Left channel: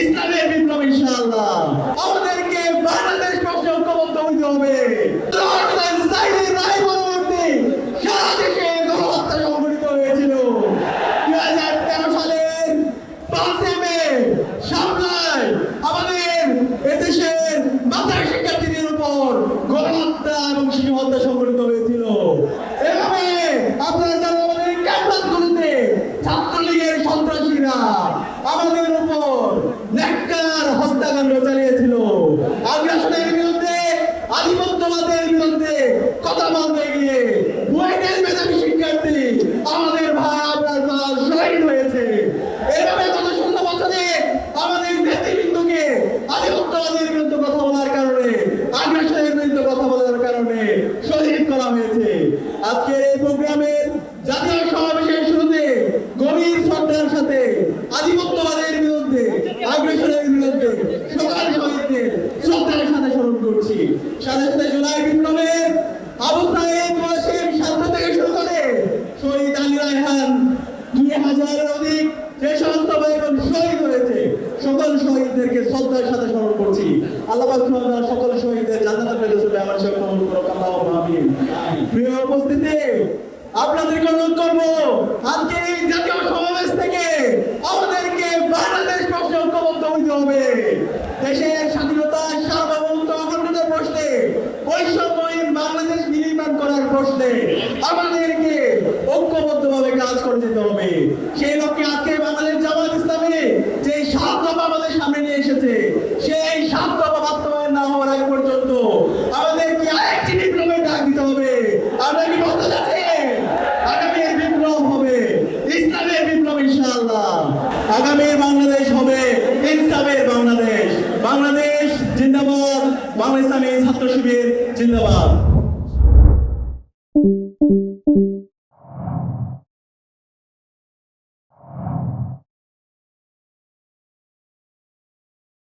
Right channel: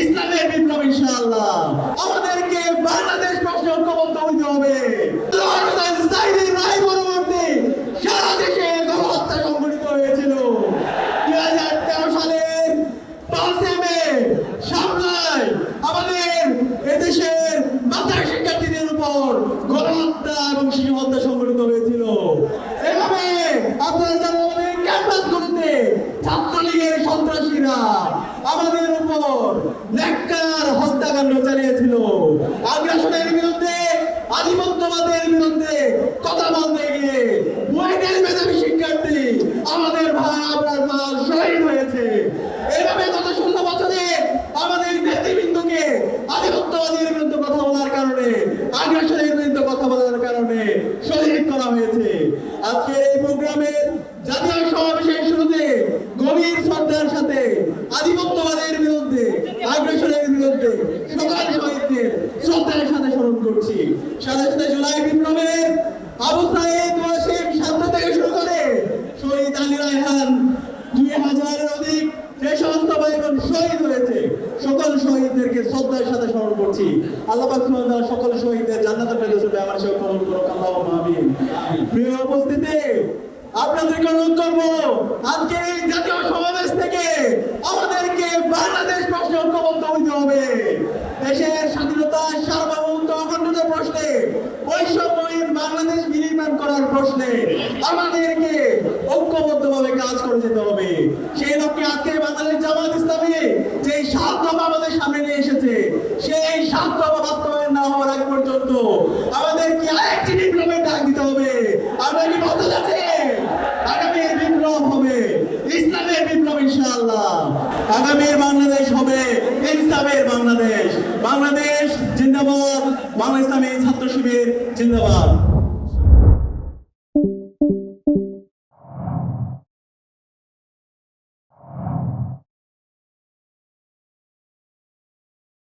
ইসলামের বিপ্লব ইনশাআল্লাহ। আমাদেরকে বাংলাদেশ প্রশ্নে ঐক্যবদ্ধ হতে হবে। সারা দেশে গণহত্যা সংঘটিত হয়েছিল 2013 সালের 5 মে সামলায় আমাদের এদেশের মাদ্রাসা শিক্ষার্থীদের উপর গণহত্যা এবং শিশু হত্যা সংঘটিত হয়েছিল। এভাবে আপনারা জানেন আমাদের ক্যাম্পাসগুলিতে ছাত্রলীগের সন্ত্রাসীরা আমাদের উপর নেককার হত্যাকাণ্ড চালিয়েছিল। আগ্রাসনের বিরুদ্ধে, আধিপত্যবাদের বিরুদ্ধে কথা বলতে গিয়ে বুয়েটের মেধাবী শিক্ষার্থী আমাদের ভাই আপনার শহীদ হয়েছে। এভাবে গত 16 বছরে আমাদের নেতৃবৃন্দকে আধিপত্যবাদের বিরুদ্ধে কথা বলার কারণে, আগ্রাসনের বিরুদ্ধে কথা বলার কারণে শহীদ করা হয়েছে। আজকের এই প্রোগ্রামের জাতীয় সমাবেশের শুরুতে গভীর শ্রদ্ধার সাথে আধিপত্যবাদের বিরুদ্ধে, আগ্রাসনের বিরুদ্ধে সকল শহীদদের শ্রদ্ধার সাথে স্মরণ করছি। সাথে সাথে জুলাই বিপ্লবের আবু সাঈদ ওয়াসিম শান্ত থেকে শুরু করে শহীদ আলী রায়হান 2000-এর অধিক যে সমস্ত ভাই বোন শহীদ হয়েছে সকল শহীদদেরকে শ্রদ্ধার সাথে স্মরণ করছি। আল্লাহ পাক সুবহানাহু সকল শহীদদের জান্নাতুল ফেরদৌসে আমার সকল আমিন। প্রিয় উপস্থিতি, আপনাদেরকে অনুরোধ করবো আজকে এই জাতীয় সমাবেশ থেকে আমাদেরকে বাংলাদেশ প্রশ্নে ঐক্যবদ্ধ হতে হবে। দেশের